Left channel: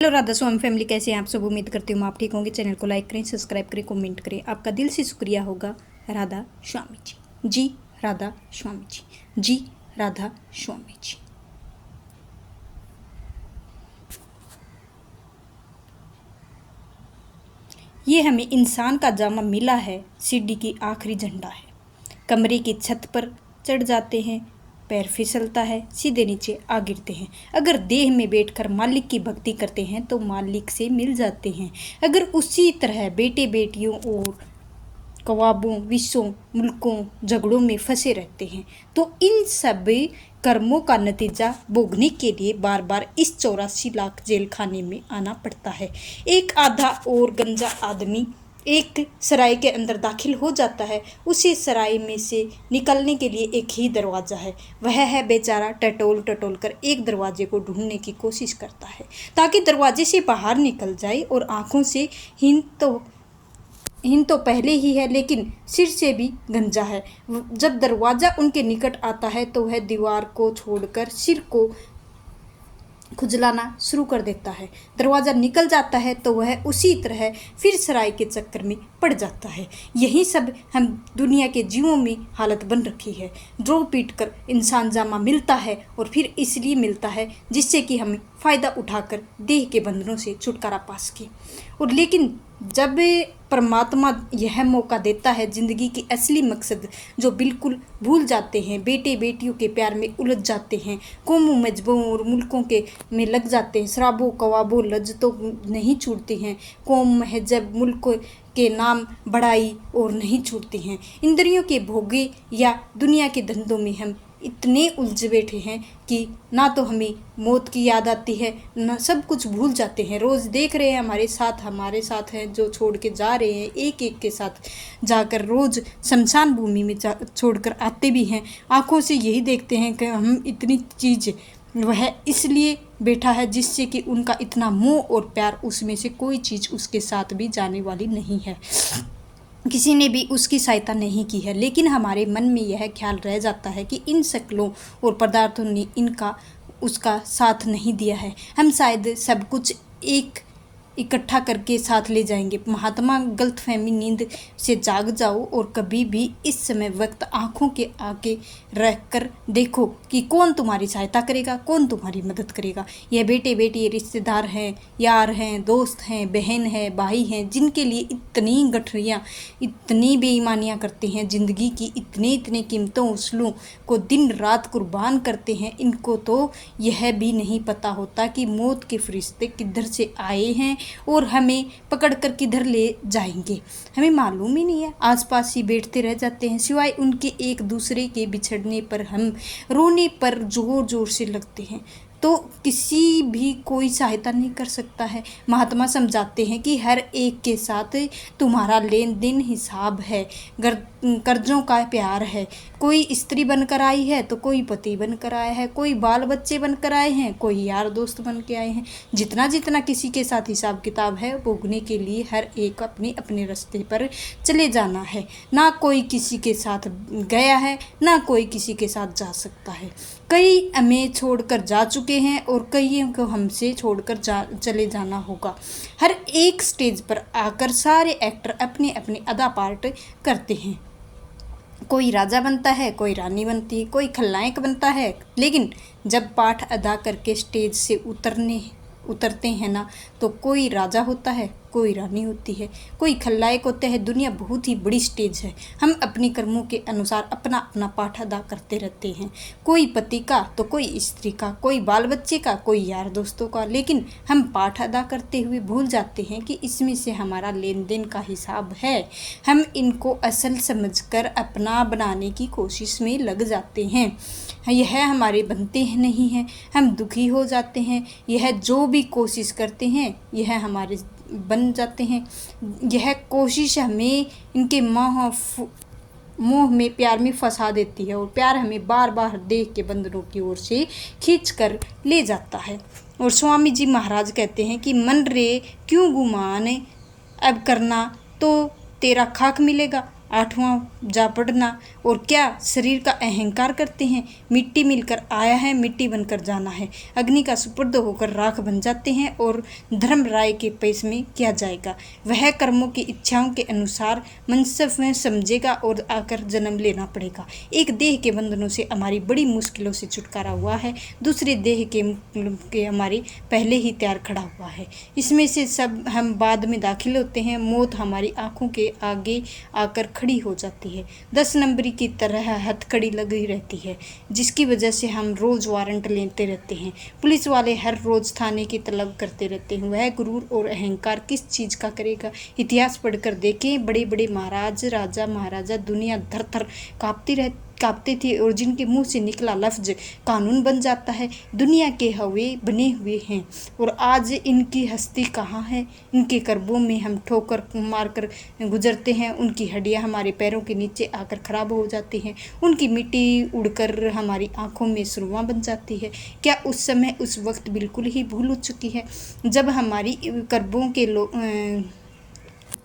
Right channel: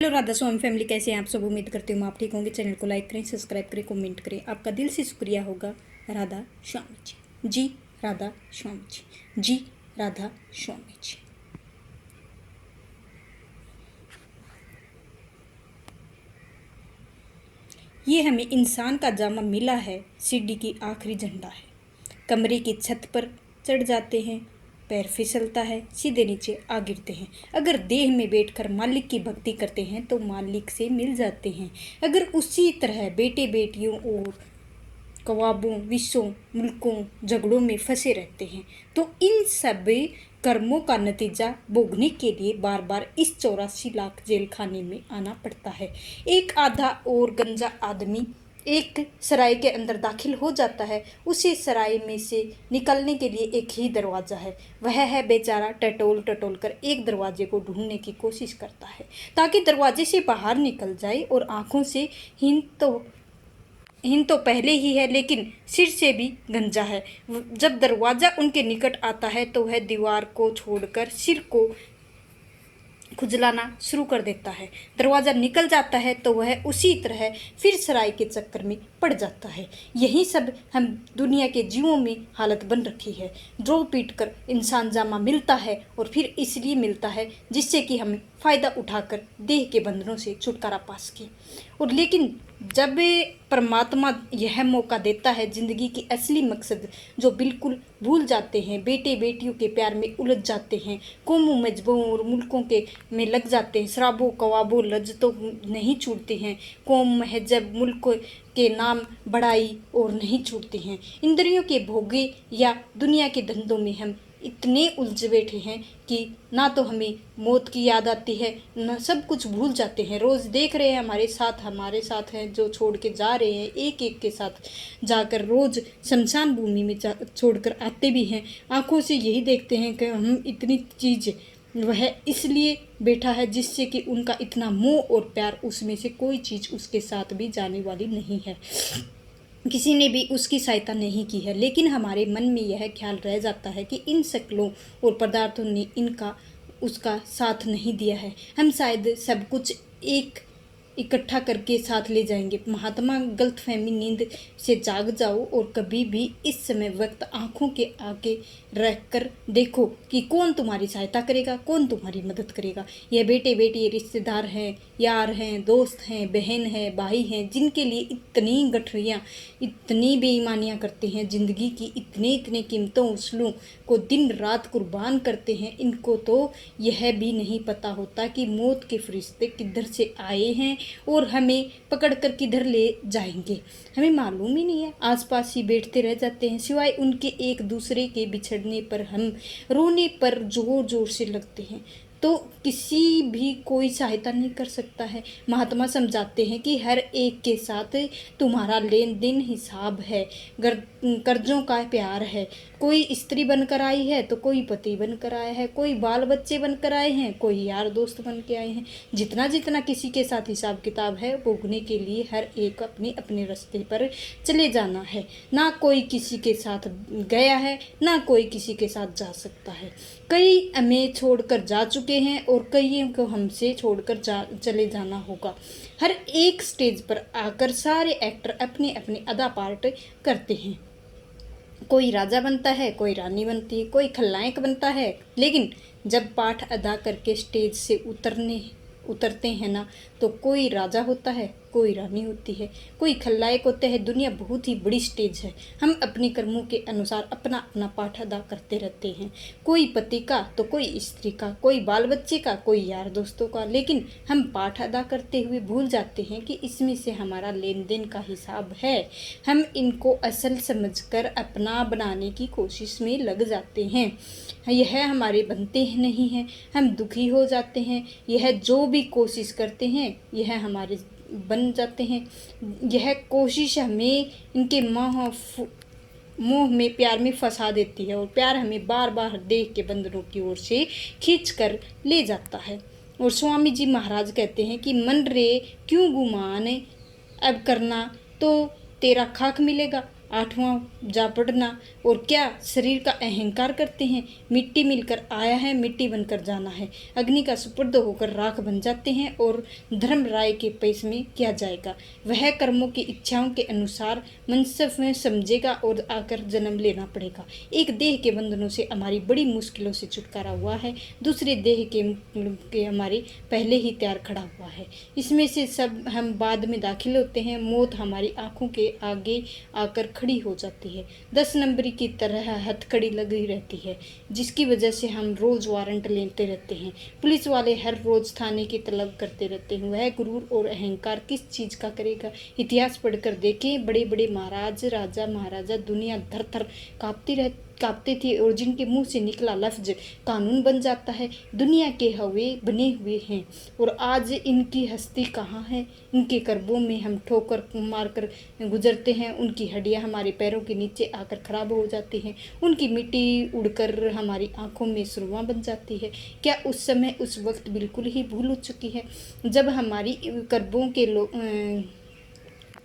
Hello Radha स्वामी family, कैसे हैं आप सब। उम्मीद करती हूँ आप ठीक होंगे। चैनल को लाइक करें, सब्सक्राइब करें, कमेंट करें। आपका दिल से शुक्रिया होगा। राधा स्वामी जी, जी राधा स्वामी जी, जी राधा स्वामी जी। ये हमें इंसान का जामा मिला है, सीढ़ी की आखिरी झंडा है। कमरे की छत पर चढ़ जाते हैं, पैर फिसलता है, सीधे नीचे आ गिरते हैं। अगर देह में बैठकर मालिक की भक्ति करते हैं तो मालिक से मिल जाते हैं। अगर उसी तरह बेटे बेटियों और कवाबों, विश्वों, मुल्कों, झगड़ों में फंसे रहते हैं तो इन सब कर्मों का नतीजा भोगने के लिए बार बार इस 84 लाख जेल खाने में आना पड़ता है। एक आधा और गंजा आदमी एक सराय के अंदर दाखिल हो जाता है। उसी सराय में से निकलने के लिए एक ही दरवाज़ा है। वह है बेचारा टटोल टटोल कर एक दरवाजे को ढूंढने की कोशिश करता है ताकि दरवाजे से बाहर निकल जाए। और आंखों से हीन तो पहले ही है, लेकिन सिर से भी गंजा है। जब दरवाज़ा उनके निकट आता है तो वह दीवार को छोड़कर सिर को खुजलाना शुरू कर देता है। दरवाज़ा निकल जाता है तो वह उसी तरह फिर सराय के चक्कर में पड़ जाता है। यही सब हम दुनिया के जीवों में हालत बन रखी है। ड्रो पीट कर इंसान जामा मिलता है और फिर इसलिए मिलता है जिससे कि हमें फ़ायदा उठाकर देह के बंधनों से छुटकारा पा सके। और लेकिन जब परमात्मा यह मौका देता है, ज़िंदगी की असली मकसद जो बिल्कुल भूल जाते हैं, बेटे बेटियों के प्यार में उलझ जाते हैं, कौमों मजहबों और मुल्कों के में लग जाते हैं, शराबों कवाबों लज्जतों नहीं छूटती हैं, कौम महजब मुल्क के नाम बड़ाई और नहीं छूटती हैं, इंद्रियों के भोगे या दुनिया के धंधों में हम इतने उलझ बैठे हैं कि ना तो हमें मौत की याद आती है, ना सब कुछ भूल जाते हैं। रोज़ देख रहे हैं हमारे साथ हैं जो छोड़ के जा रहे हैं, एक एक के साथ जाकर रोज़ शमशान भूमि में छोड़कर आते भी हैं। आँखों से यही देखते हैं कि हम इतनी चीज़ वह इसलिए बैठा है जिससे कि उनका इतना मोह और प्यार, उसमें से कोई चीज़ उसके साथ भी जाने वाली नहीं है, किसी ने भी उसकी सहायता नहीं की है। लेकिन हमारे मन में यह ख्याल रह जाता है कि इन शक्लों और पदार्थों ने इनका उसका साथ नहीं दिया है। हम शायद सब कुछ एक इकट्ठा करके साथ ले जाएंगे। महात्मा गलतफहमी नींद से जाग जाओ और कभी भी इस समय वक्त आंखों के आगे रख कर देखो कि कौन तुम्हारी सहायता करेगा, कौन तुम्हारी मदद करेगा। यह बेटे बेटी रिश्तेदार हैं, यार हैं, दोस्त हैं, बहन हैं, भाई हैं, जिनके लिए इतनी गठरियाँ, इतनी बेईमानियाँ करते हैं, ज़िंदगी की इतने इतने कीमतों उसूलों को दिन रात कुर्बान करते हैं। इनको तो यह भी नहीं पता होता कि मौत के फरिश्ते किधर से आए हैं और हमें पकड़कर किधर ले जाएंगे, हमें मालूम ही नहीं है। आसपास ही बैठते रह जाते हैं, सिवाय उनके एक दूसरे के बिछड़ने पर हम रोने पर जोर जोर से लगते हैं तो किसी भी कोई सहायता नहीं कर सकता है। महात्मा समझाते हैं कि हर एक के साथ तुम्हारा लेन देन हिसाब है, कर्जों का प्यार है। कोई स्त्री बनकर आई है तो कोई पति बनकर आया है, कोई बाल बच्चे बनकर आए हैं, कोई यार दोस्त बन के आए हैं। जितना जितना किसी के साथ हिसाब किताब है, भोगने के लिए हर एक अपने अपने रास्ते पर चले जाना है। ना कोई किसी के साथ गया है, ना कोई किसी के साथ जा सकता है। कई हमें छोड़कर जा चुके हैं और कईयों को हमसे छोड़कर चले जाना होगा। हर एक स्टेज पर आकर सारे एक्टर अपने अपने अदा पार्ट करते हैं। कोई राजा बनता है, कोई रानी बनती है, कोई खलनायक बनता है। लेकिन जब पाठ अदा करके स्टेज से उतरते हैं ना, तो कोई राजा होता है, कोई रानी होती है, कोई खलनायक होते हैं। दुनिया बहुत ही बड़ी स्टेज है। हम अपने कर्मों के अनुसार अपना अपना पाठ अदा करते रहते हैं, कोई पति का तो कोई स्त्री का, कोई बाल बच्चे का, कोई यार दोस्तों का। लेकिन हम पाठ अदा करते हुए भूल जाते हैं कि इसमें से हमारा लेन देन का हिसाब है। हम इनको असल समझकर अपना बनाने की कोशिश में लग जाते हैं। यह हमारे बनते हैं नहीं हैं, हम दुखी हो जाते हैं। यह जो भी कोशिश करते हैं यह हमारे बन जाते हैं। यह कोशिश हमें इनके मोह में, प्यार में फंसा देती है और प्यार हमें बार बार देह के बंधनों की ओर से खींच कर ले जाता है। और स्वामी जी महाराज कहते हैं कि मन रे क्यों गुमान अब करना तो तेरा खाक मिलेगा। आठवां जा पड़ना। और क्या शरीर का अहंकार करते हैं। मिट्टी मिलकर आया है, मिट्टी बनकर जाना है। अग्नि का सुपुर्द होकर राख बन जाते हैं और धर्म राय के पेश में किया जाएगा। वह कर्मों की इच्छाओं के अनुसार मनसब में समझेगा और आकर जन्म लेना पड़ेगा। एक देह के बंधनों से हमारी बड़ी मुश्किलों से छुटकारा हुआ है, दूसरे देह के हमारे पहले ही तैयार खड़ा हुआ है। इसमें से सब हम बाद में दाखिल होते हैं। मौत हमारी आंखों के आगे आकर खड़ी हो जाती है, 10 नंबरी की तरह हथकड़ी लगी रहती है, जिसकी वजह से हम रोज वारंट लेते रहते हैं। पुलिस वाले हर रोज थाने की तलब करते रहते हैं। वह गुरूर और अहंकार किस चीज का करेगा। इतिहास पढ़कर देखें, बड़े बड़े महाराज, राजा महाराजा दुनिया धर थर कांपते थे और जिनके मुंह से निकला लफ्ज कानून बन जाता है। दुनिया के हवे बने हुए हैं और आज इनकी हस्ती कहाँ है। इनके कर्बों में हम ठोकर मारकर गुजरते हैं, उनकी हड्डियां हमारे पैरों के नीचे आकर खराब हो जाती हैं, उनकी मिट्टी उड़कर हमारी आंखों में सुरवा बन जाती है। क्या उस समय उस वक्त बिल्कुल ही भूल हो चुकी है जब हमारी कर्बों के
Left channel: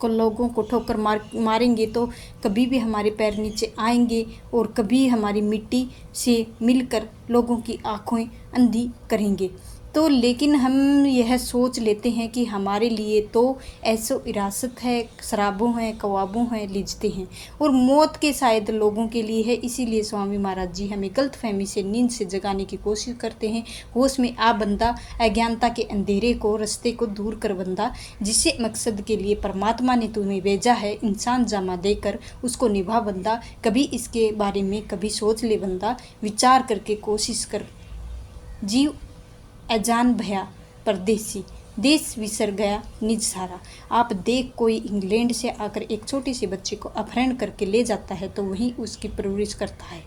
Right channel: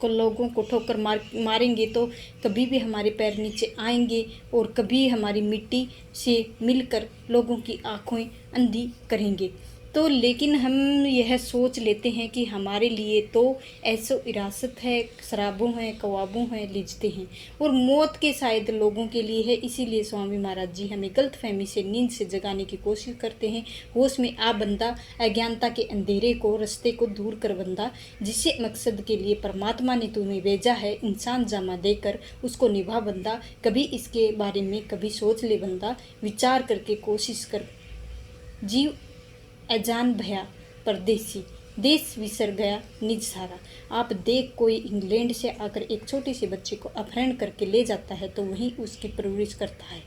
लोगों को ठोकर मारेंगे तो कभी भी हमारे पैर नीचे आएंगे और कभी हमारी मिट्टी से मिलकर लोगों की आंखें अंधी करेंगे। तो लेकिन हम यह सोच लेते हैं कि हमारे लिए तो ऐसो इरासत है, शराबों हैं, कबाबों हैं, लिजते हैं और मौत के शायद लोगों के लिए है। इसीलिए स्वामी महाराज जी हमें गलतफहमी से, नींद से जगाने की कोशिश करते हैं। होश में आ बंदा, अज्ञानता के अंधेरे को, रास्ते को दूर कर बंदा, जिससे मकसद के लिए परमात्मा ने तुम्हें भेजा है, इंसान जामा देकर उसको निभा बंदा। कभी इसके बारे में कभी सोच ले बंदा, विचार करके कोशिश कर। जीव अजान भया परदेसी, देश विसर गया निज सारा। आप देख, कोई इंग्लैंड से आकर एक छोटे से बच्चे को अपहरण करके ले जाता है तो वहीं उसकी परवरिश करता है,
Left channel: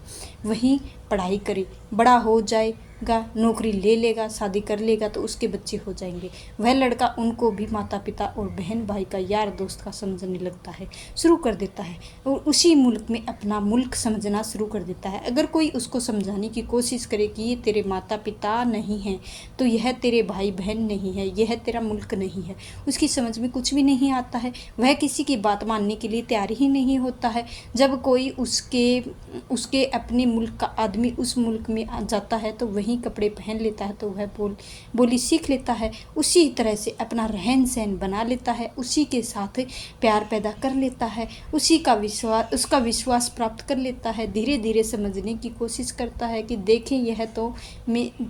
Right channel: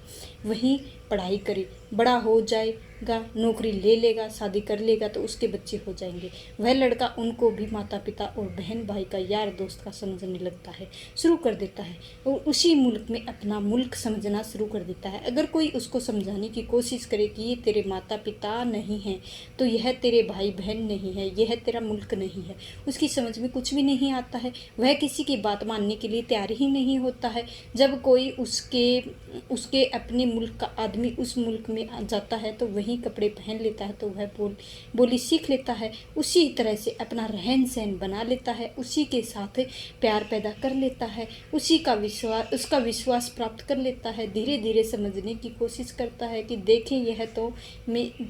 वहीं पढ़ाई करे, बड़ा हो जाएगा, नौकरी ले लेगा, शादी कर लेगा तो उसके बच्चे हो जाएंगे। वह लड़का उनको भी माता पिता और बहन भाई का, यार दोस्त का समझने लगता है, शुरू कर देता है और उसी मुल्क में अपना मुल्क समझना शुरू कर देता है। अगर कोई उसको समझाने की कोशिश करे कि ये तेरे माता पिता नहीं हैं, तो यह तेरे भाई बहन नहीं है, यह तेरा मुल्क नहीं है, उसकी समझ में कुछ भी नहीं आता है। वह किसी की बात मानने के लिए तैयार ही नहीं होता है। जब कोई उसके अपने मुल्क का आदमी उस मुल्क में आ जाता है तो वही कपड़े पहन लेता है, तो वह बोली सीख लेता है, उसी तरह से अपना रहन सहन बना लेता है, उसी के साथ प्यार पैदा कर लेता है, उसका विश्वास प्राप्त कर लेता है। धीरे धीरे समझने की कोशिश करता है कि देखें, यह तो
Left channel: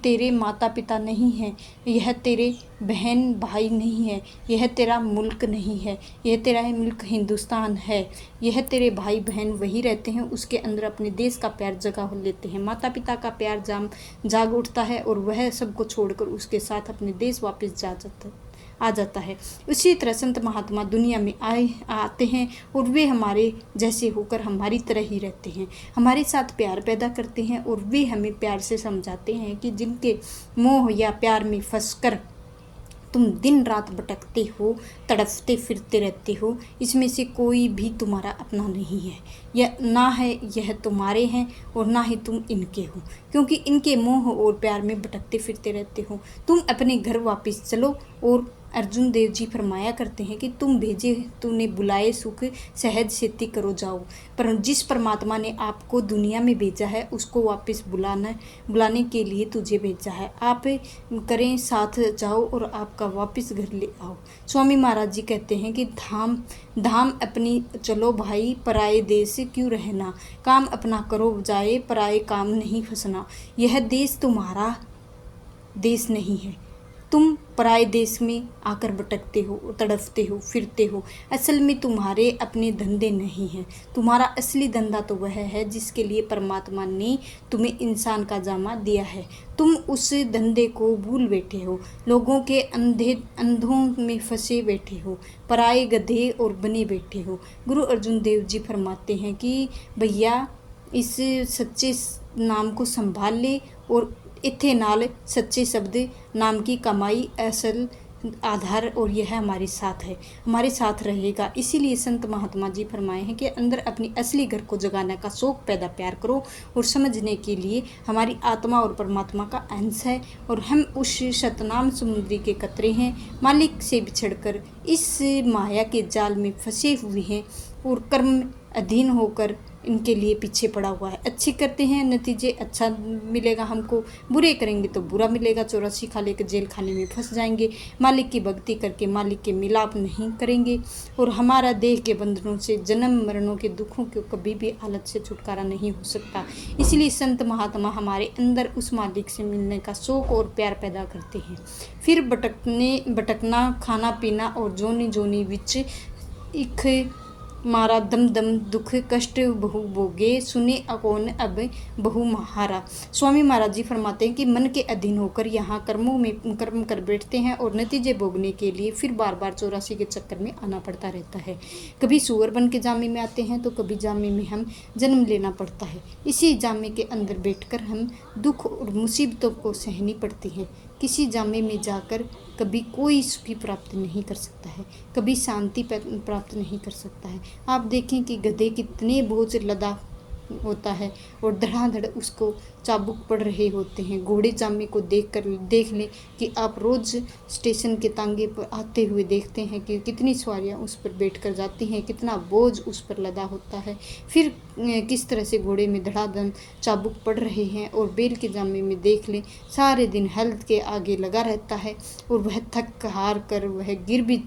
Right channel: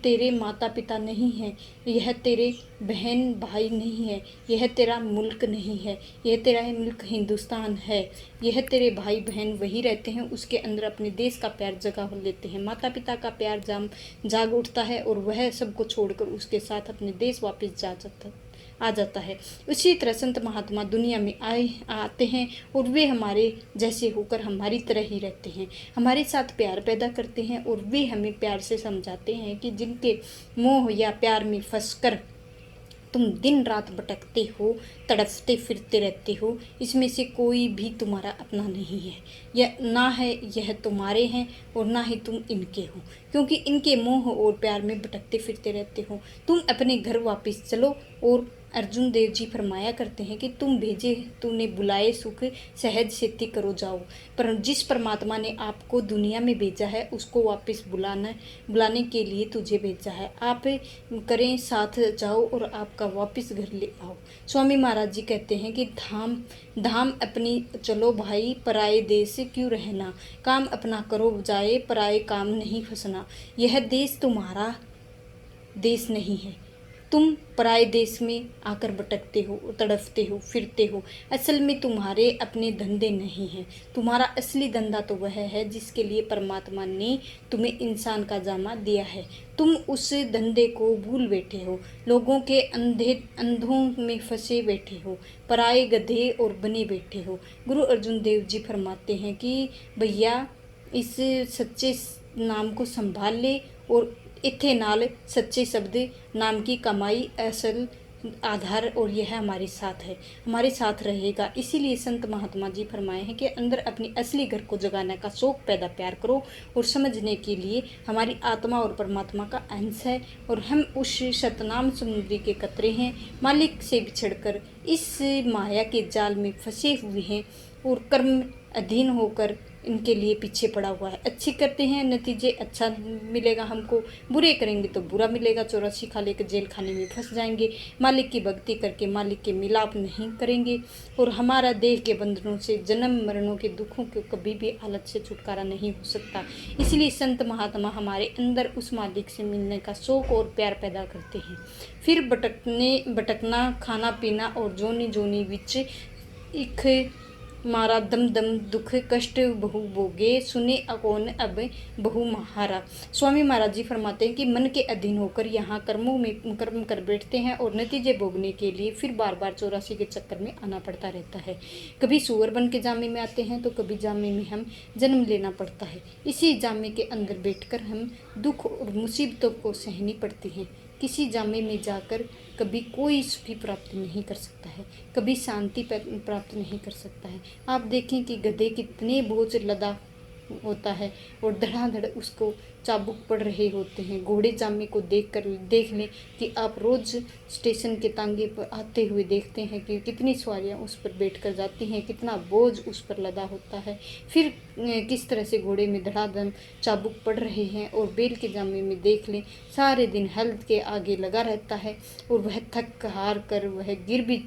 तेरे माता पिता नहीं है, यह तेरे बहन भाई नहीं है, यह तेरा मुल्क नहीं है, यह तेरा मुल्क हिंदुस्तान है, यह तेरे भाई बहन वही रहते हैं, उसके अंदर अपने देश का प्यार जगा लेते हैं। माता पिता का प्यार जाग उठता है और वह सबको छोड़कर उसके साथ अपने देश वापस आ जाता है। उसी तरह संत महात्मा दुनिया में आते हैं और वे हमारे जैसे होकर हमारी तरह ही रहते हैं, हमारे साथ प्यार पैदा करते हैं और वे हमें प्यार से समझाते हैं कि जिनके मोह या प्यार में फंसकर तुम दिन रात भटकते हो, तड़पते फिरते रहते हो, इसमें से कोई भी तुम्हारा अपना नहीं है, यह ना है यह तुम्हारे हैं और ना ही तुम इनके हो, क्योंकि इनके मोह और प्यार में भटकते फिरते रहते हो। तुम अपने घर वापस चलो। और अर्जुन देव जी फरमाया करते हैं कि तुम भेजे तूने बुलाए सुख, सहज सेती करो जाओ। पर जिस परमात्मा ने आपको दुनिया में भेजा है उसको वापस बुलाने के लिए तुझे भेजा है। आप करें साथ जाओ और आपका वापस घर ले आओ। स्वामी महाराज जी कहते हैं कि धाम अपनी चलो भाई, पराए देश क्यों रहना, काम अपना करो जाए, पराए काम नहीं फंसना। यह देश तुम्हारा देश नहीं है, तुम पराए देश में आकर भटकते हो, तड़पते हो, फिरते हो। असल में तुम्हारे अपने धंधे नहीं हैं, तुम्हारा असली धंधा तो वह है जिसके लिए परमात्मा ने तुम्हें इंसान का जामा दिया है। तुम उस धंधे को भूल बैठे हो, लोगों के अंधों में फंसे बैठे हो, पराए गधे और बने बैठे हो। गुरु अर्जुन देव जी फरमाते हैं कि भैया इस सच्चे नाम को संभाल ले और इत्थे नाल सच्चे शब्द नाम की कमाई असल आधार और यह हमारे साथ है, हमारे साथ रहेगा। इसीलिए संत महात्मा जी फरमाए हैं कि अंदर अपनी असली घर को जगाने का शौक पैदा प्यार करो और समझने के लिए हमारी आत्मा और परमात्मा का अंश है और हम उस शतनाम समुद्री के कतरे हैं। मालिक से बिछड़कर इस माया के जाल में फंसे हुए हैं और कर्म अधीन होकर इनके लिए पीछे पड़ा हुआ है। अच्छी करते हैं नतीजे अच्छा मिलेगा हमको, बुरे करेंगे तो बुरा मिलेगा। 84 खा लेकर जेल खाने में फंस जाएंगे। मालिक की भक्ति करके मालिक के मिलाप नहीं करेंगे और हमारा देह के बंधनों से, जन्म मरणों के दुखों को कभी भी हालत से छुटकारा नहीं हो सकता। इसलिए संत महात्मा हमारे अंदर उस मालिक से मिलने का शौक और प्यार पैदा करते हैं। फिर भटकना, खाना पीना और जोनी जोनी विच इख मारा दम दम दुख कष्ट बहु भोगे सुने अकौन अब बहु महारा। स्वामी महाराज जी फरमाते हैं कि मन के अधीन होकर यहाँ कर्म कर बैठते हैं और नतीजे भोगने के लिए फिर बार बार 84 के चक्कर में आना पड़ता रहता है। कभी सूअर बन के जामे में आते हैं तो कभी जामे में हम जन्म लेना पड़ता है। इसी जामे के अंदर बैठकर हम दुख और मुसीबतों को सहनी पड़ती है। किसी जामे में जाकर कभी कोई सुखी प्राप्त नहीं कर सकता है, कभी शांति प्राप्त नहीं कर सकता है। आप देखें कि गधे कितने बोझ लदा होता है और धड़ाधड़ उसको चाबुक पड़ रहे होते हैं। घोड़े जामे को देख लें कि आप रोज़ स्टेशन के तांगे पर आते हुए देखते हैं कि कितनी सवारियां उस पर बैठकर जाती हैं, कितना बोझ उस पर लदा होता है। फिर किस तरह से घोड़े में धड़ाधड़ चाबुक पड़ रहे हैं। और बैल के जामे में देख लें, सारे दिन हल के आगे लगा रहता है और वह थक हार कर वह गिर भी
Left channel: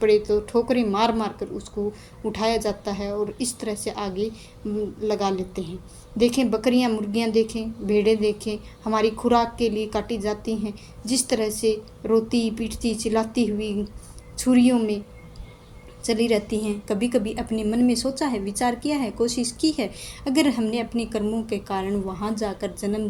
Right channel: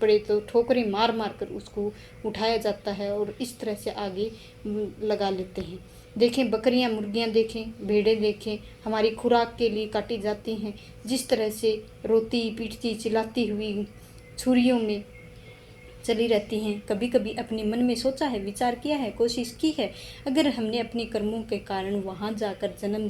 पड़े तो ठोकरें मार मार कर उसको उठाया जाता है और इस तरह से आगे लगा लेते हैं। देखें बकरियां, मुर्गियां देखें, भेड़ें देखें, हमारी खुराक के लिए काटी जाती हैं। जिस तरह से रोती पीटती चिल्लाती हुई छुरियों में चली रहती हैं। कभी कभी अपने मन में सोचा है, विचार किया है, कोशिश की है, अगर हमने अपने कर्मों के कारण वहाँ जाकर जन्म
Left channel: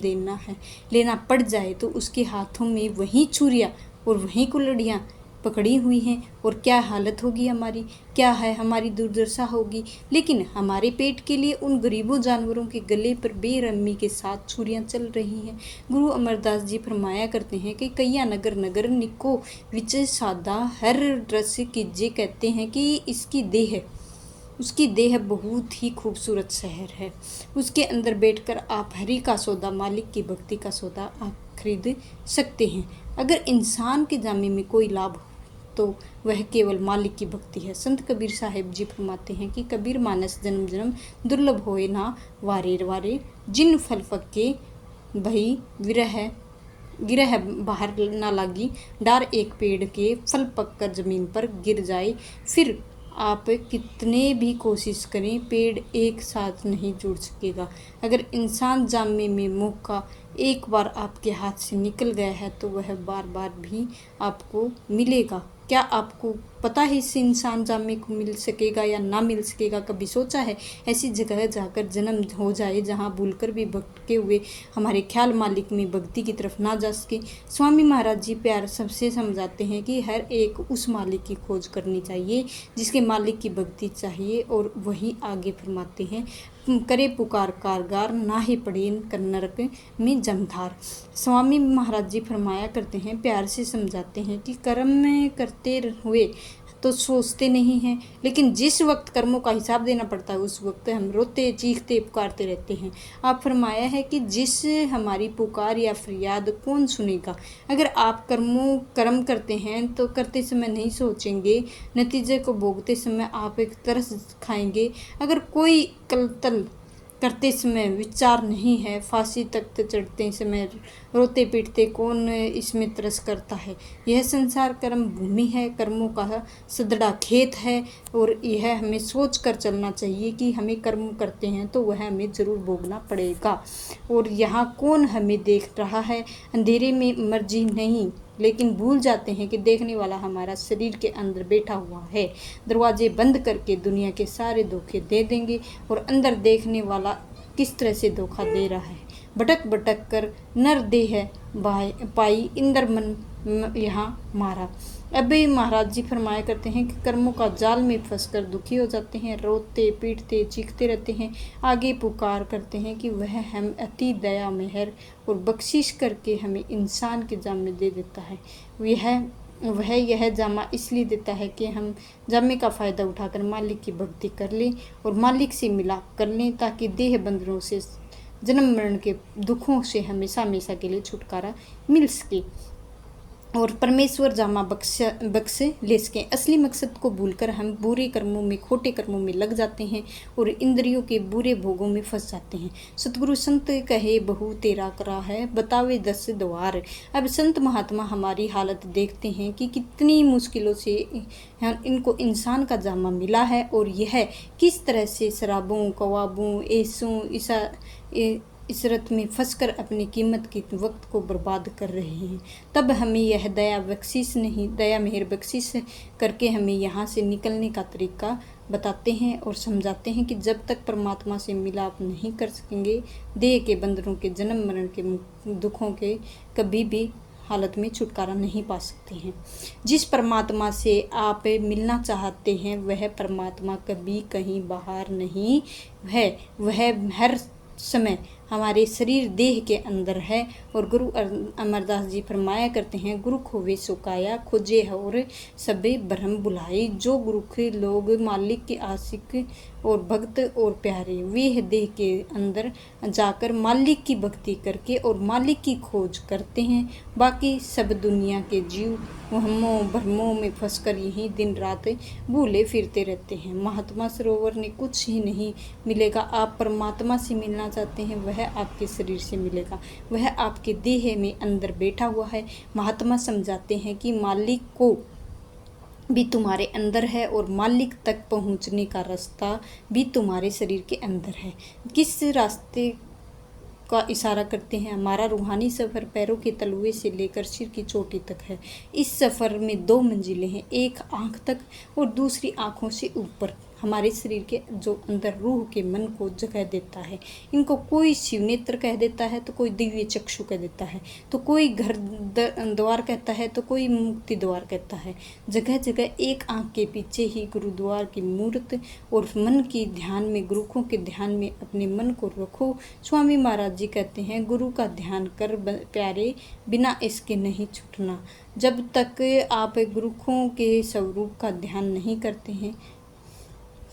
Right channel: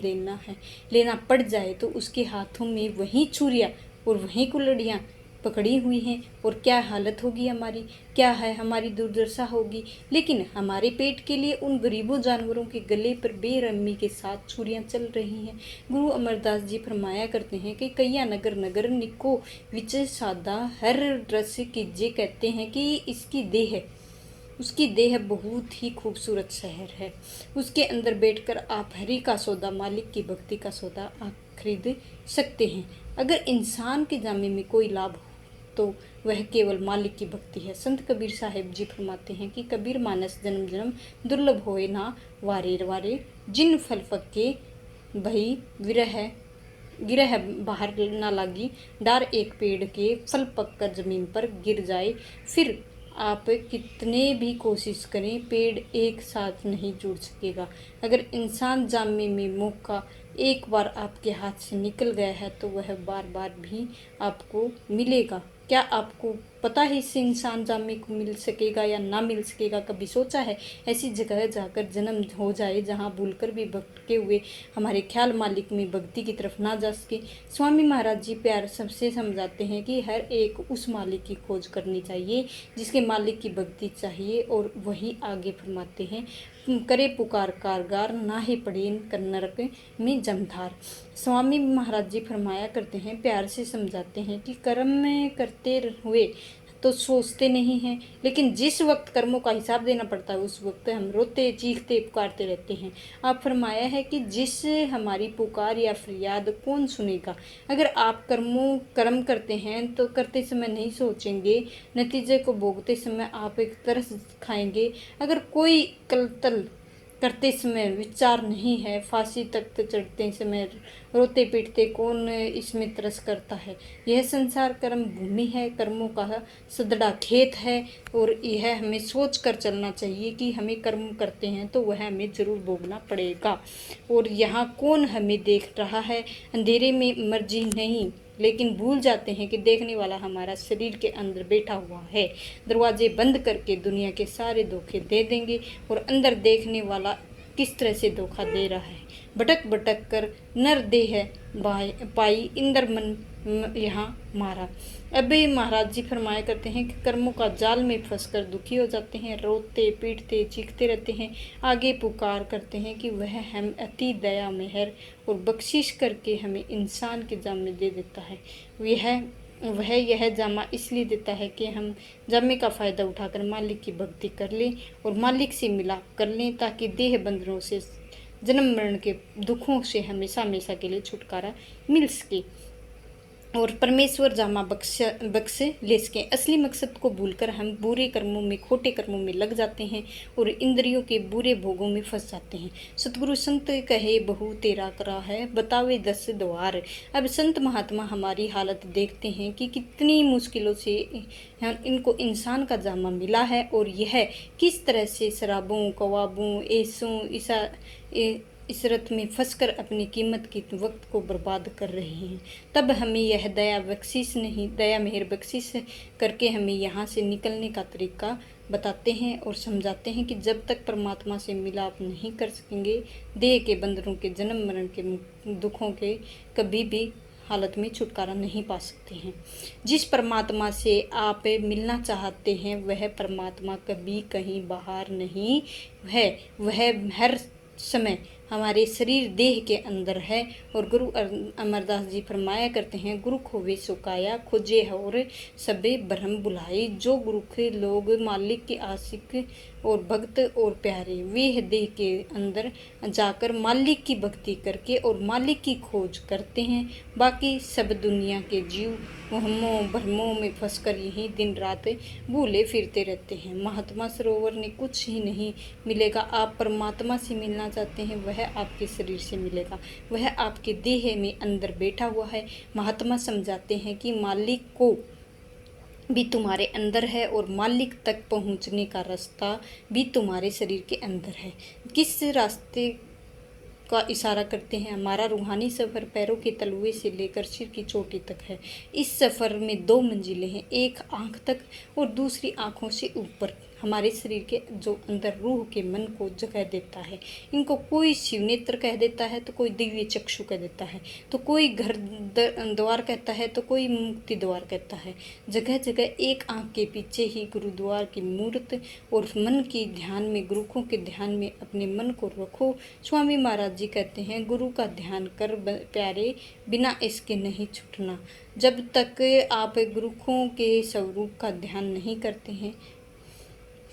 लेना पड़ जाए तो उसके हाथों में वही छुरियाँ और वही कुल्हाड़ियाँ पकड़ी हुई हैं और क्या हालत होगी हमारी, क्या है हमारी दुर्दशा होगी। लेकिन हमारे पेट के लिए उन गरीबों जानवरों के गले पर बेरहमी के साथ छुरियां चल रही हैं। गुरु अमरदास जी फरमाया करते हैं कि कैया नगर नगर निको विच सादा हर रस कीजे, कहते हैं कि उसकी देह बहुत ही खूबसूरत शहर है। उसके अंदर बैठकर आप हरि का सौदा, मालिक की भक्ति का सौदा आप खरीद सकते हैं। अगर इंसान के जामे में कोई लाभ तो वह केवल मालिक की भक्ति है। संत कबीर साहिब जी फरमाते हैं कि कबीर मानस जन्म जन्म दुर्लभ होए ना वारे वारे, जिन फल फक्के भई गिरह बाहर ना लागी, डार एक पेड़ के फल पककर जमीन पर गिर जाए। फिर आप कितने भी कोशिश करें, पेड़ एक साथ नहीं जुड़ सकेगा। अगर इंसान जामे में मौका एक बार आपके हाथ से निकल गया है तो वह बार बार भी आपको मिलेगा। क्या आपको पता है इससे इंसान जामे को मिल सकेगा या ना मिल सकेगा? कभी सोचा है ऐसी जगह जाकर जन्म हो जाए जहाँ भूलकर भी भटके हुए हमारे ख्याल मालिक में भक्ति की तरफ ना जा सके? स्वामी महाराज जी प्यार सबसे समझाते हैं कि हर एक उस मालिक की खोज करनी चाहिए जिसके मालिक की भक्ति चाहिए। और वहीं आगे फरमाते हैं, करे पुकार कारगार ना ही पड़े नरक में जमधार। स्वामी महाराज जी फरमाया करते हैं, प्यार से समझाते हैं कि कर्म में करते हुए तो सोचते नहीं हैं, लेकिन जिस वक्त कर्मों का हिसाब देना पड़ता है उस वक्त हम रोते चीखते पुकारते रहते हैं। आप फरमाया है कि जिस हमारी पुकार या फरियाद कौन सुनेगा? अगर आप कर्म करते हैं तो करते समय नहीं सोचेंगे, नतीजे को भोगते समय आप एक तरस खाएंगे। अगर कोई कत्ल करते समय विचार नहीं है, फांसी तक चढ़ते समय रोते पीटते कौन इसमें तरस करता है? यह संसार कर्म भूमि है, कर्मों का सदड़ा खेत है और यह हमें सोच कर चलना चाहिए कि हमें कर्म करते हैं तो वह हमें जरूर भोगना पड़ेगा। और यहाँ कौन हमें देख रहा है? अंधेरे में मर्जी नहीं, लेकिन भूल जाते हैं कि देखने वाला हमारा शरीर के अंदर बैठा हुआ है। दरवाजे बंद करके दुनिया के सारे धोखे दे देंगे और अंदर देखने वाला किस तरह से धोखा दे रहा है। भटक भटक कर नर देह पाई, इंद्र मन यहाँ मारा। अभी महाराज जी फरमाया करते हैं कि कर्मों का जाल में फंसकर दुखी हो जाते हैं, रोते पीटते चीखते रहते हैं। आगे पुकार करते हैं कि वह हम अति दया मेहर और बख्शिश करके हमें इंसान के जाम में दे देता है। यह वह यह जामा इसलिए देता है कि हम जामे का फ़ायदा उठाकर मालिक की भक्ति कर लें और मालिक से मिलाप कर लें, ताकि देह बंधनों से, जन्म मरण के दुखों से हमेशा हमेशा के लिए छुटकारा मिल सके और परमेश्वर जामा बख्श ले सकें। असली मकसद को भूलकर हम बुरे कर्मों में, खोटे कर्मों में लग जाते हैं और इंद्रियों के बुरे भोगों में फंस जाते हैं। सतगुरु संत कहे बहु तेरा करा है, बतावे 10 द्वार। अब संत महात्मा हमारी हालत देखते हैं कि कितनी मुश्किलों से इनको इंसान का जामा मिला है और यह किस तरह से शराबों, कवाबों, ऐसों इसरत में फंसकर अपनी कीमत की वक्त को बर्बाद कर रहे हैं। तब हमें यह दया मेहर बख्शिश करके हमें यहाँ से निकलने का तरीका बताते हैं और समझाते हैं कि जब तक परमात्मा से मिलाप नहीं कर सकेंगे, देह के बंधनों के, जन्म मरण के दुखों के कभी भी हालत में छुटकारा नहीं पा सकते हैं। जिस परमात्मा से आप मिलना चाहते हैं वह परमात्मा कभी कहीं बाहर नहीं है, वह हर समय हमारे शरीर देह के अंदर है। और गुरु अमरदास जी फरमाया करते हैं, गुरु खोवे सुकाया, खोजे और सबे ब्रह्म बुलाई। जो गुरु के लोग मालिक के आशिक और भक्त और प्यारे, वे देह के अंदर जाकर मालिक की भक्ति करके और मालिक की खोज करते हैं। बाकी सब दुनिया के जीव वहमों भ्रमों में फंसकर यही दिन रात भूले फिरते रहते हैं। महात्मा सरोवर ने कुछ ही नहीं मिलेगा। आप परमात्मा से मिलना चाहते हैं, वह आपके शरीर से मिलेगा, वह आपके देह में अंदर बैठा हुआ है। महात्मा समझाते हैं कि मालिक को भी तुम्हारे अंदर है और मालिक तक पहुंचने का रास्ता भी तुम्हारे शरीर के अंदर है। किस रास्ते का इशारा करते हैं? हमारा रूहानी सफ़र पैरों के तलुए से लेकर सिर की चोटी तक है। इस सफ़र में 2 मंजिलें हैं, एक आँख तक और दूसरी आँखों से ऊपर। हमारे शरीर के जो अंदर रूह के मन को जगह देता है। इनको कोई शिव नेत्र कह देता है तो कोई दिव्य चक्षु कह देता है, तो कोई घर द्वार कहता है तो कोई मुक्ति द्वार कहता है। जगह जगह एक आँख के पीछे ही गुरुद्वार की मूर्त और मन की ध्यान में, गुरुखों के ध्यान में अपने मन को रखो। स्वामी महाराज जी कहते हैं, गुरु का ध्यान कर प्यारे, बिना इसके नहीं छूटना। जब तक आप गुरुखों के स्वरूप का ध्यान नहीं करते हैं,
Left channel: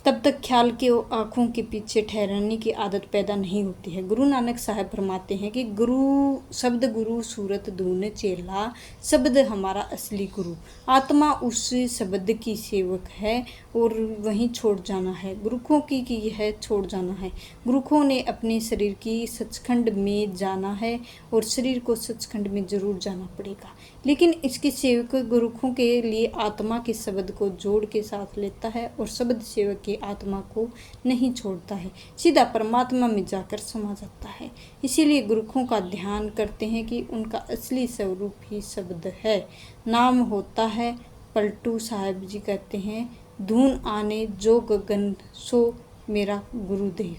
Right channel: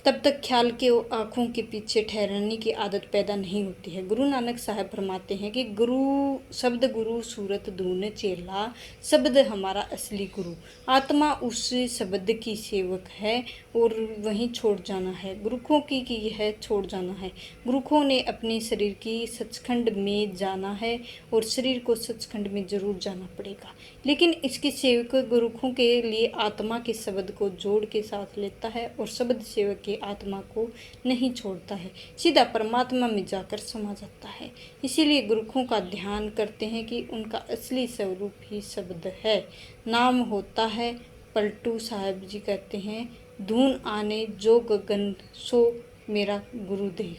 तब तक ख्याल के आँखों के पीछे ठहरने की आदत पैदा नहीं होती है। गुरु नानक साहब फरमाते हैं कि गुरु सूरत धून चेला, शब्द हमारा असली गुरु। आत्मा उस शब्द की सेवक है और वहीं छोड़ जाना है गुरुखों की यह छोड़ जाना है। गुरुखों ने अपने शरीर की सचखंड में जाना है और शरीर को सचखंड में जरूर जाना पड़ेगा, लेकिन इसके सेवक गुरुखों के लिए आत्मा के शब्द को जोड़ के साथ लेता है और शब्द सेवक की आत्मा को नहीं छोड़ता है, सीधा परमात्मा में जाकर समा जाता है। इसीलिए गुरुखों का ध्यान करते हैं कि उनका असली स्वरूप ही शब्द है, नाम होता है। पलटू साहब जी कहते हैं, धून आने जो गगन सो मेरा गुरुदेव।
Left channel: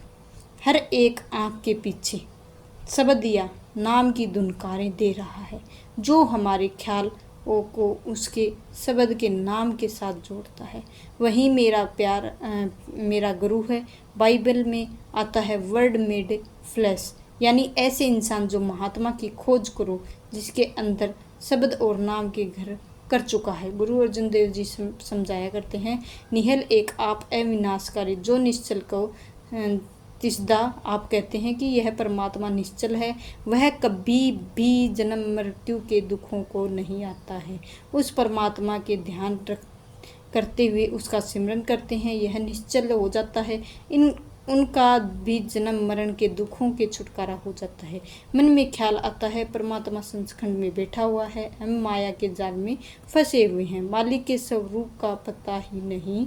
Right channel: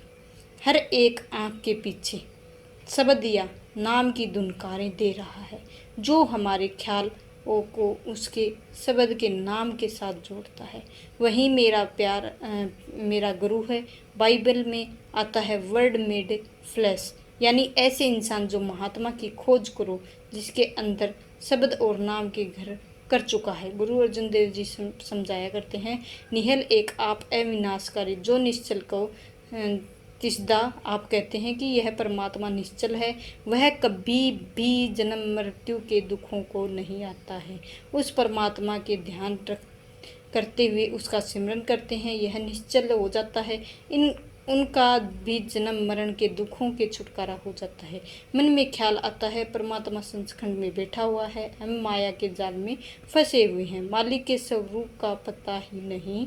हर एक आँख के पीछे शब्द या नाम की धुनकारें दे रहा है, जो हमारे ख्याल को उसके शब्द के नाम के साथ जोड़ता है। वही मेरा गुरु है। बाइबल में आता है वर्ड मेड फ्लैश, यानी ऐसे इंसान जो महात्मा की खोज करो, जिसके अंदर शब्द और नाम के घर कर चुका है। गुरु अर्जुन देव जी समझाया करते हैं, निहल एक आप अविनाशकारी, जो निश्चल को तिसदा। आप कहते हैं कि यह परमात्मा निश्चल है, वह कभी भी जन्म मृत्यु के दुखों को नहीं आता है। उस परमात्मा के ध्यान करते हुए उसका सिमरन करते हैं, यह निश्चल हो जाता है। उनका भी जन्म मरण के दुखों के छुटकारा हो जाता है। मन में ख्याल आता है, परमात्मा सचखंड में बैठा हुआ है, हम माया के जाल में फंसे हुए हैं, मालिक के स्वरूप का पता ही नहीं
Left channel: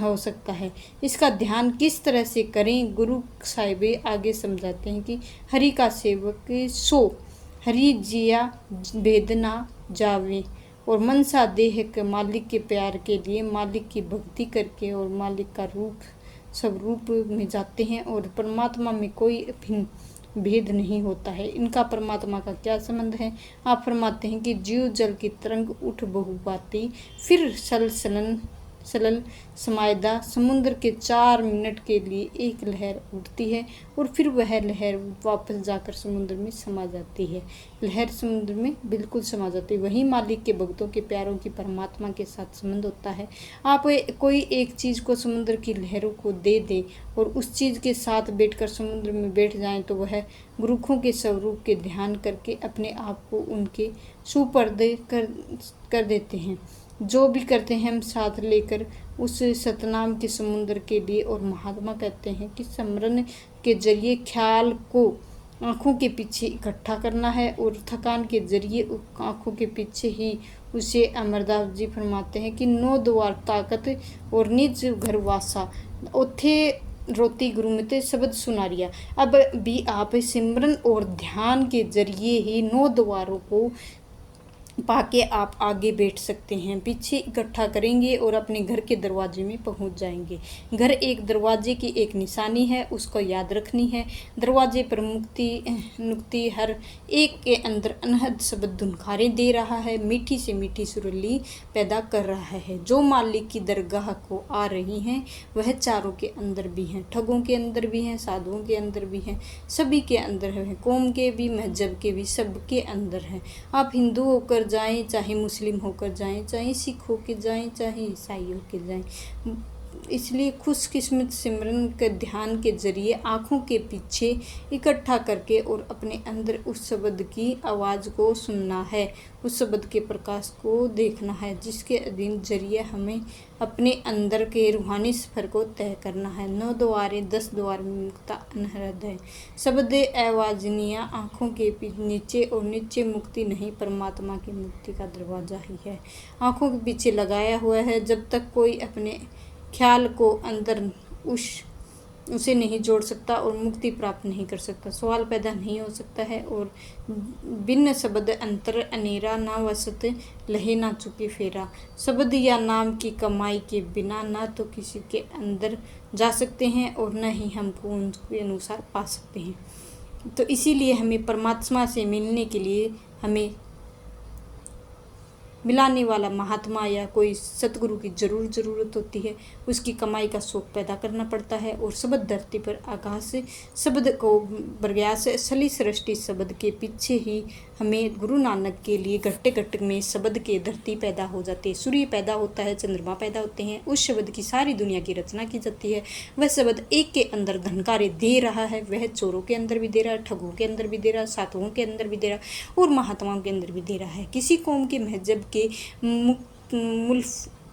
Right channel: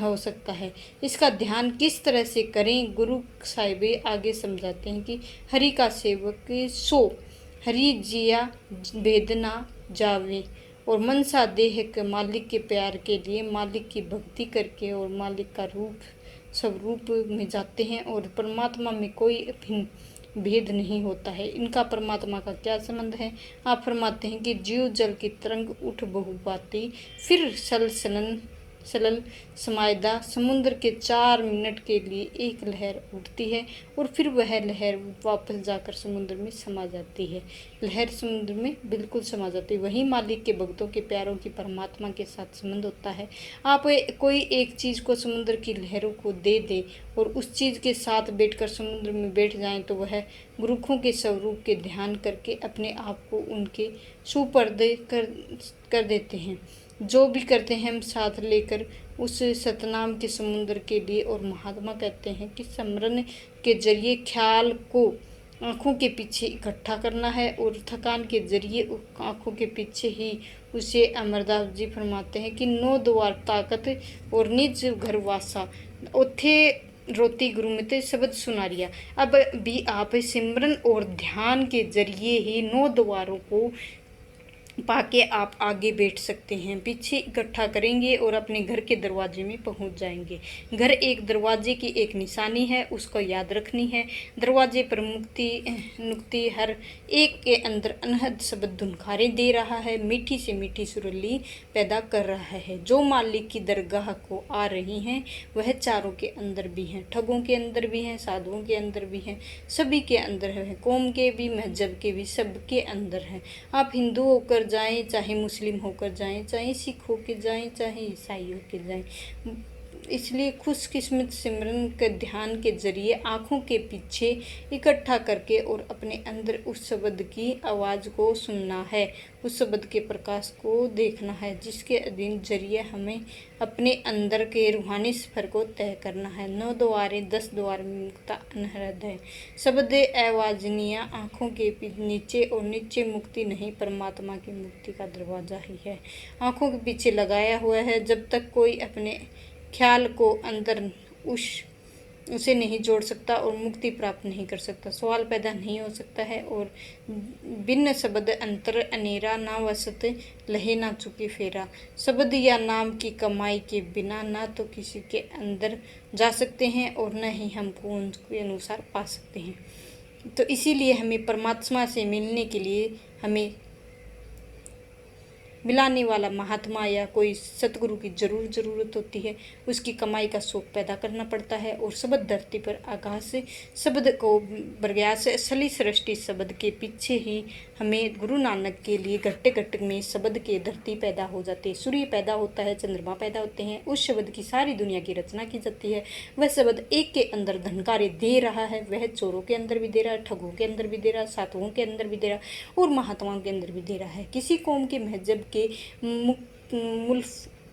हो सकता है। इसका ध्यान किस तरह से करें? गुरु साहिबे आगे समझाते हैं कि हरि का सेवक सो हरि जिया भेदना जावे, और मनसा देह के मालिक के प्यार के लिए मालिक की भक्ति करके और मालिक का स्वरूप में जाते हैं और परमात्मा में कोई अभिन्न भेद नहीं होता है। इनका परमात्मा का क्या संबंध है? आप फरमाते हैं कि जीव जल की तरंग उठ बहु बाती, फिर सरल समायदा समुद्र के 4 मिनट के लिए एक लहर उठती है और फिर वह लहर वापस जाकर समुद्र में समा जाती है। लहर समुद्र में बिल्कुल समा जाती है। वही मालिक के भक्तों के प्यारों की परमात्मा के साथ संबंध होता है। आप कोई एक चीज़ को समुद्र की लहरों को दे दे और उस चीज़ के साथ बैठकर समुद्र में बैठ जाएं तो वह गुरुखों के स्वरूप के ध्यान करके अपने आप को उनके सुपर्दे कर देते हैं। जो भी करते हैं हम साथ लेकर उस सतनाम के समुद्र के लिए। और महात्मा कहते हैं कि स्मरण के जरिए ख्याल को आँखों के पीछे इकट्ठा करना है और थकान के जरिए आँखों के पीछे ही उसे। अमरदास जी फरमाते हैं कि 9 द्वार ताकत और निज घर वासा ओथे रोती गुरुमते शब्द सुनारिया। अब भी आप सिमरन और ध्यान के जरिए ही 9 द्वारों को पाके आप आगे बैठ सकते हैं। पीछे इकट्ठा करेंगे और अपने घर के दरवाजे में पहुंच जाएंगे। घर एक दरवाजे की एक निशानी है, उसको याद रखनी है। दरवाजे पर नुक्ति हर एक के अंदर अनहद शब्द धुनखारें दे रहा है, मीठी से मीठी सुरीली पैदा कर रहा है। जो मालिक की दरगाह को आ रही हैं वह चारों के अंदर भी हैं, ठगों के अंदर भी हैं, साधुओं के अंदर भी हैं, सभी के अंदर है, कौम के भी, मजहब के भी, सबके अंदर हैं। आप हिंदू होकर जाएं, चाहे मुस्लिम होकर जाएं, चाहे सिख होकर जाएं, चाहे ईसाई होकर जाएं। इसलिए खुशकिस्मत सिमरन के ध्यान के जरिए आँखों के पीछे इकट्ठा करके और अपने अंदर उस शब्द की आवाज़ को सुनना है, उस शब्द के प्रकाश को देखना है, जिसके अधीन जरिए हमें अपने अंदर के रूहानी सफर को तय करना है। 9 द्वारे 10 द्वार में मुक्ता अनहद है। शब्द आवाजनिया आँखों के नीचे और नीचे मुक्ति नहीं, परमात्मा की मुक्ति का दरवाजा ही है। आँखों के पीछे लगाया हुआ है। जब तक कोई अपने ख्याल को अंदर उसे नहीं जोड़ सकता और मुक्ति प्राप्त नहीं कर सकता, सवाल पैदा नहीं हो सकता है। और बिन शब्द अंतर अनेरा ना वसत लहे ना चुके फेरा। शब्द या नाम की कमाई के बिना ना तो किसी के अंदर जा सकते हैं और न ही हमको उनके अनुसार पा सकते हैं। तो इसीलिए हमें परमात्मा से मिलने के लिए हमें मिलाने वाला महात्मा या कोई सतगुरु की ज़रूरत होती है। उसकी कमाई का शौक पैदा करना पड़ता है। और शब्द धरती पर आकाश से शब्द को बरग्यास असली सृष्टि शब्द के पीछे ही हमें गुरु नानक के लिए घट्टे घट्ट में शब्द के धरती पैदा हो जाती है, सूर्य पैदा होता है, चंद्रमा पैदा होते हैं। उस शब्द की सारी दुनिया की रचना की जाती है। वह शब्द एक के अंदर धनकारे दे रहा है, वह चोरों के अंदर भी दे रहा है, ठगों के अंदर भी दे रहा है, साधुओं के अंदर भी दे रहा है और महात्माओं के अंदर भी दे रहा है। किसी कौम के मजहब के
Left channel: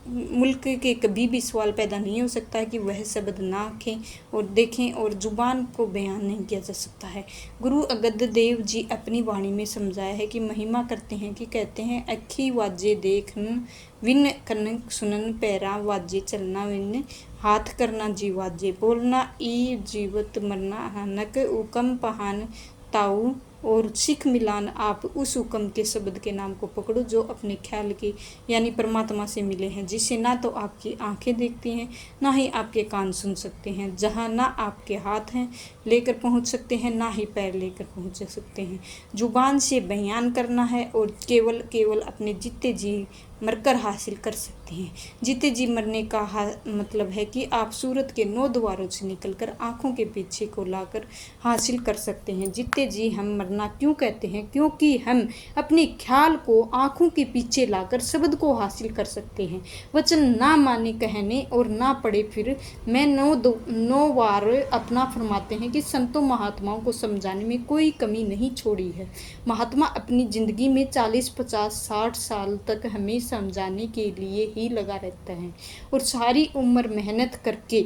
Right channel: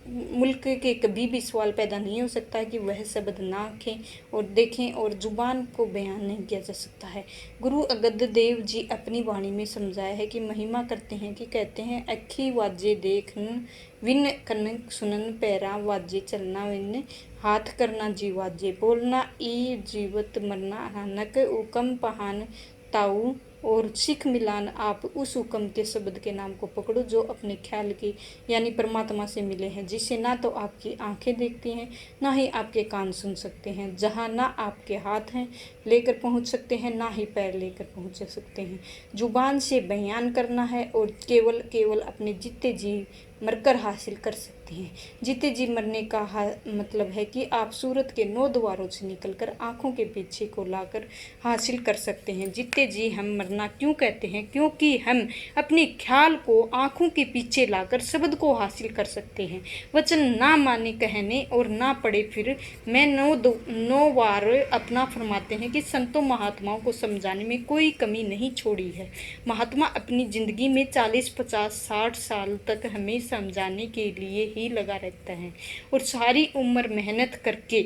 मुल्क के कभी भी सवाल पैदा नहीं हो सकता है कि वह शब्द ना आँखें और देखें और जुबान को बयान नहीं किया जा सकता है। गुरु अंगद देव जी अपनी वाणी में समझाया है कि महिमा करते हैं कि कहते हैं अखी वाजे देखन विन कन सुनन पैरा वाजे चलना विन हाथ करना जी वाजे बोलना ई जीवत मरना हनक उकम पहान ताऊ और सिख मिलान। आप उस हुक्म के शब्द के नाम को पकड़ो जो अपने ख्याल की यानी परमात्मा से मिले हैं, जिसे ना तो आपकी आंखें देखती हैं ना ही आपके कान सुन सकते हैं, जहाँ ना आपके हाथ हैं लेकर पहुँच सकते हैं ना ही पैर लेकर पहुँच सकते हैं। जुबान से बयान करना है और केवल अपने जीते जी मरकर हासिल कर सकते हैं। जीते जी मरने का मतलब है कि आप सूरत के 9 द्वारों से निकलकर आँखों के पीछे को लाकर हासिल कर सकते हैं। जीते जी हम मरना क्यों कहते हैं? क्योंकि हम अपने ख्याल को आँखों के पीछे लाकर शब्द को हासिल कर सकते हैं। वचन ना माने कहने और ना पढ़े फिर मैं 9 बार अपना फरमाते हैं कि संतों महात्माओं को समझाने में कोई कमी नहीं छोड़ी है। महात्मा अपनी ज़िंदगी में 40, 50, 60 साल तक हमें समझाने के लिए ही लगा रहता है और सारी उम्र मेहनत करके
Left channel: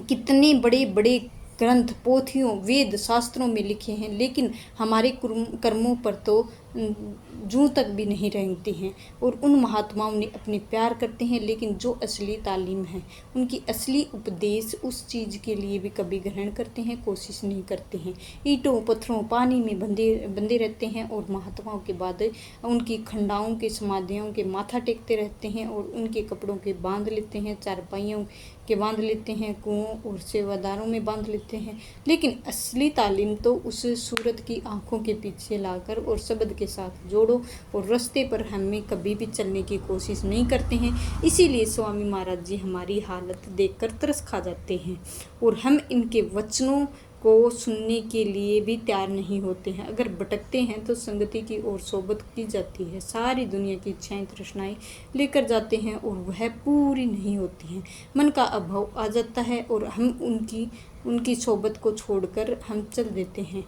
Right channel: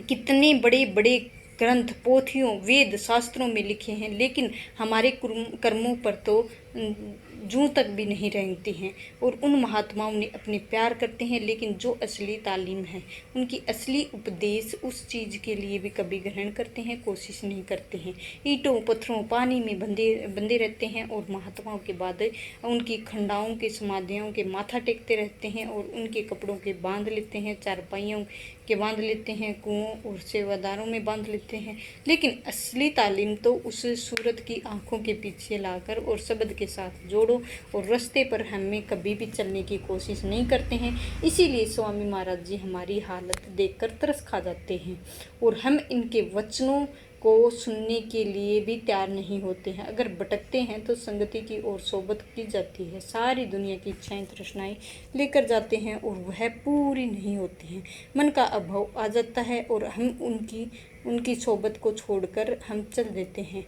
कितने बड़े बड़े ग्रंथ, पोथियों, वेद, शास्त्रों में लिखे हैं, लेकिन हमारे कर्मों पर तो जूं तक भी नहीं रेंगते हैं। और उन महात्माओं ने अपने प्यार करते हैं, लेकिन जो असली तालीम है, उनकी असली उपदेश उस चीज़ के लिए भी कभी ग्रहण करते हैं, कोशिश नहीं करते हैं। ईंटों, पत्थरों, पानी में बंधे रहते हैं और महात्माओं के बाद उनकी खंडाओं के समाधियों के माथा टेकते रहते हैं और उनके कपड़ों के बांध लेते हैं, चारपाइयों के बांध लेते हैं, कुओं और सेवादारों में बांध लेते हैं। लेकिन असली तालीम तो उस सूरत की आँखों के पीछे लाकर और शब्द के के साथ जोड़ो और रास्ते पर हमें कभी भी चलने की कोशिश नहीं करते हैं। इसीलिए स्वामी महाराज जी हमारी हालत देखकर तरस खा जाते हैं और हम इनके वचनों को सुनने के लिए भी तैयार नहीं होते हैं। अगर भटकते हैं तो संगति की ओर सोबत की जाती है, सारी दुनिया की इच्छाएं तृष्णाएं लेकर जाते हैं और वह पूरी नहीं होती हैं। मन का अभाव आ जाता है और हम उनकी सोबत को छोड़कर हम चल देते हैं।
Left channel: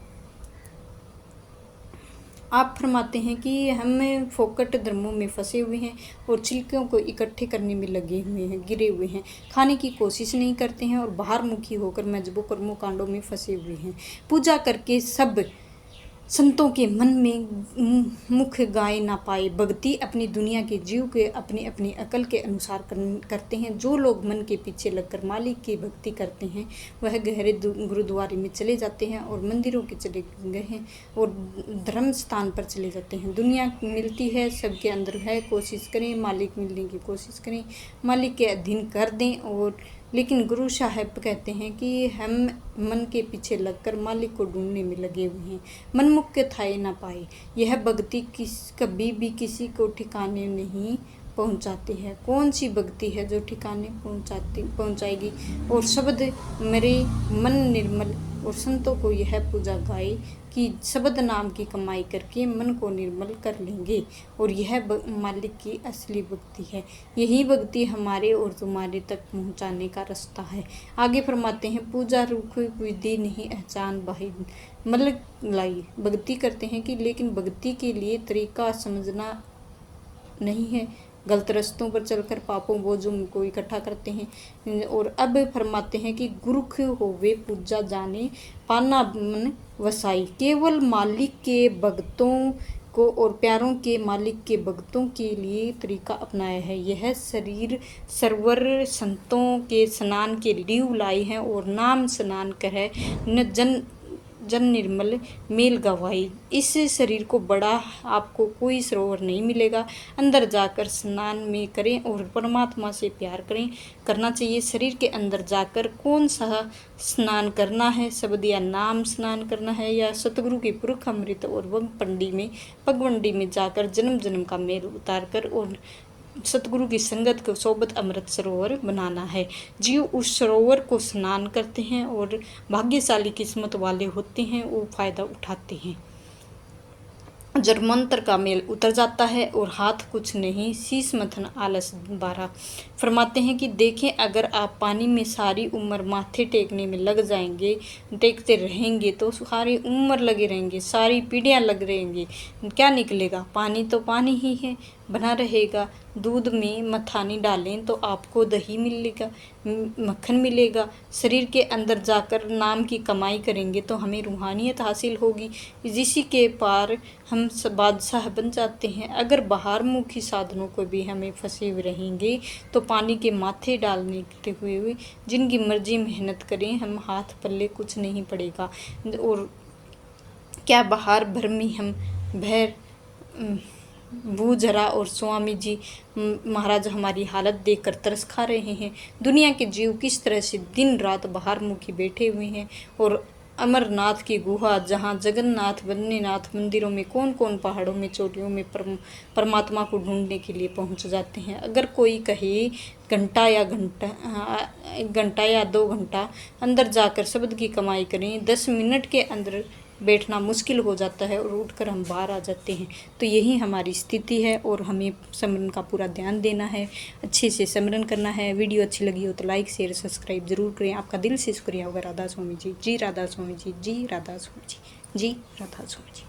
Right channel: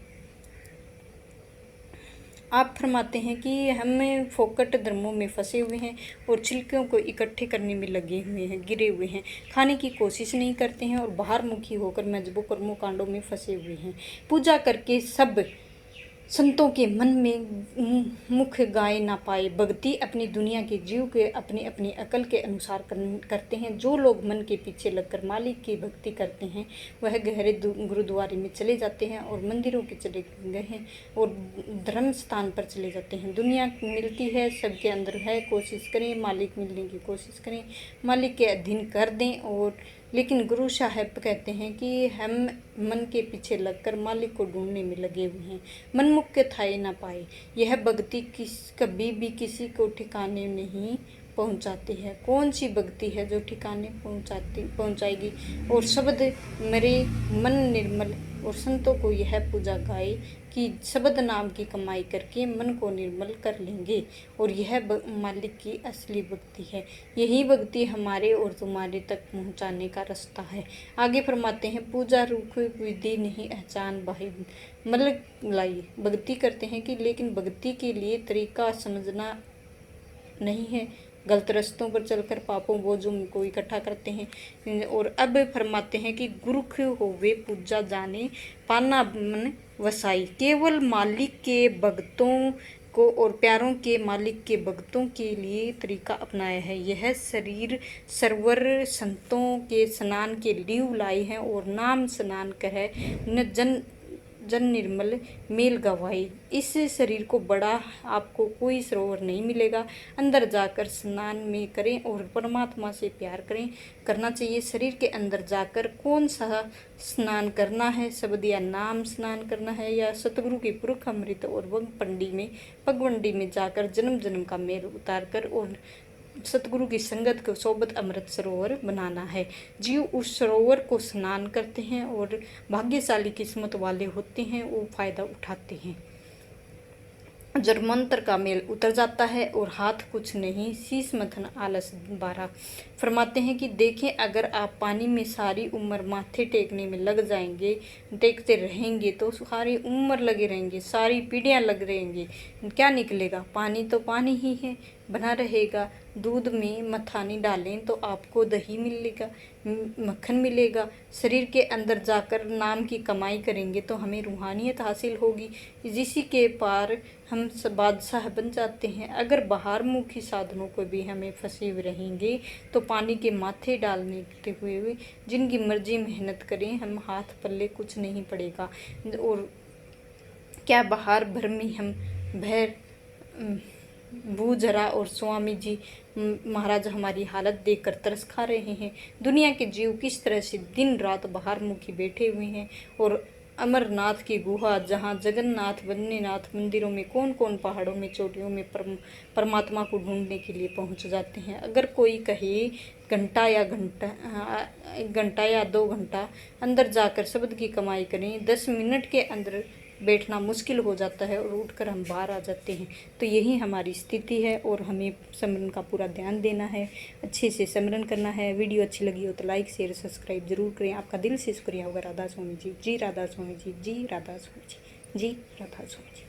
आप फरमाते हैं कि हम फोकट धर्मों में फंसे हुए हैं और छिलकों को इकट्ठे करने में लगे हुए हैं, गिरे हुए हैं, खाने की कोशिश नहीं करते हैं और बाहर मुखी होकर मजबूर कर्मों कांडों में फंसे हुए हैं। पूजा करके सब संतों के मन में मुख गाए ना पाए। भक्ति अपनी दुनिया के जीव के अपनी अपनी अकल के अनुसार करते हैं। जो लोग मन के पीछे लगकर मालिक की भक्ति करते हैं वह गहरे गुरुद्वारे में चले जाते हैं और मंदिरों के चले गए हैं और धर्म स्थान पर चले जाते हैं। दुनिया मिलती है, सबके अंदर है, कोशिश करें, मालिक मिलने की कोशिश करें, मालिक के अधीन कर दें। और लेकिन गुरु साहब कहते हैं कि हम मन के पीछे लगकर मालिक को ढूंढने में लगे हुए हैं, मनमुख के थाए ना पाए। यह भक्ति कभी भी किसी को ठिकाने नहीं पहुंचाती है। कौन सी भक्ति है जो ठिकाने पहुंचाएगी? और शब्द मेरे मन निर्मल और संतों को यह पूजा गाए कि शब्द नाम की कमाई करके मन को निर्मल कर लेंगे और यह मालिक की असली भक्ति है। यही भक्ति हमारे और तुम्हारे तक पहुंचाने का रास्ता है। आगे फरमाते हैं, पूजा रूप विधि नहीं अहचान बाही मतलब लाई। भक्ति करते हैं कि लेकिन भक्ति के लिए तरीका समझना नहीं है, गलत रास्तों पर चलकर पापों बोझों को इकट्ठा करते हैं। और अब फरमाते हैं कि गुरुख होवे पूजा जाने पाना मन वसाई। केवल मालिक के भक्तों को और प्यारों के मालिक के भक्तों के लिए तरीका अपनाया है। यह शरीर सरवर संतों के स्नान के लीव लाई है और नाम स्नान कहे न जन निर्मल मेल गवाई। इस शरीर को बड़ा आपको कोई सरोवर नहीं मिलेगा। अंदर जाकर स्नान में करें और परमात्मा से प्यार करना चाहिए। शरीर के अंदर जाकर कौन सा स्नान करना है, शब्द या नाम स्नान करना है या सतगुरु की पुरख अमृत और पगवंडी में जाकर जन्म जन्म का मेल उतार कर और सतगुरु की संगत को सोबत अमृत सरोवर बनाना है। जीव उस सरोवर को स्नान करते हैं और भाग्यशाली किस्मत वाले होते हैं, वो फायदा उठाते हैं। जब मंत्र का मेल उतर जाता है और हाथ कुछ नहीं, शीश मथन आलस बारा। फरमाते हैं कि देखें, अगर आप पानी में सारी उम्र माथे टेकने में लग जाएंगे, टेकते रहेंगे तो सारी उम्र लगे रहेंगे, सारी पीढ़ियां लग रहेंगी, क्या निकलेगा? पानी तो पानी ही है, बना रहेगा। दूध में मथानी डालें तो आपको दही मिलेगा, मक्खन मिलेगा। शरीर के अंदर जाकर नाम की कमाई करेंगे तो हमें रूहानियत हासिल होगी, जिसी के पार हम बादशाह बन जाते हैं। अगर बाहर मुखी साधनों को भी हमें फंसे हुए रहेंगे तो पानी के माथे डालने हुए जिनकी मर्जी मेहनत करें, हम हाथ पल्ले कुछ नहीं पड़ेगा। और क्या बाहर भर में हम भैर भूजरा और स्वामी जी महाराज हमारी हालत देखकर तरस खा रहे हैं। दुनिया के जीव किस तरह से दिन रात बाहर मुखी बैठे हुए हैं और अमरनाथ की गुहा, जहाँ जगन्नाथ बद्रीनाथ मंदिरों में, कौन कौन पहाड़ों में, चोटियों में परमात्मा को ढूंढने के लिए पहुंच जाते हैं। अगर कोई कहे घंटा या 2 घंटा अंदर जाकर शब्द की कमाई करें, 10 मिनट के अंदर बैठना मुश्किल हो जाता है और उठकर हम बाहर आ जाते हैं। तो यही हमारी स्थिति है और हमें सिमरन का पूरा ध्यान देना है, अच्छे से सिमरन करना है। वीडियो अच्छी लगी हो तो लाइक शेयर सब्सक्राइब जरूर करें। आपका दिल से शुक्रिया होगा। राधा स्वामी जी, जी राधा स्वामी जी, जी राधा स्वामी जी, जी राधा स्वामी जी।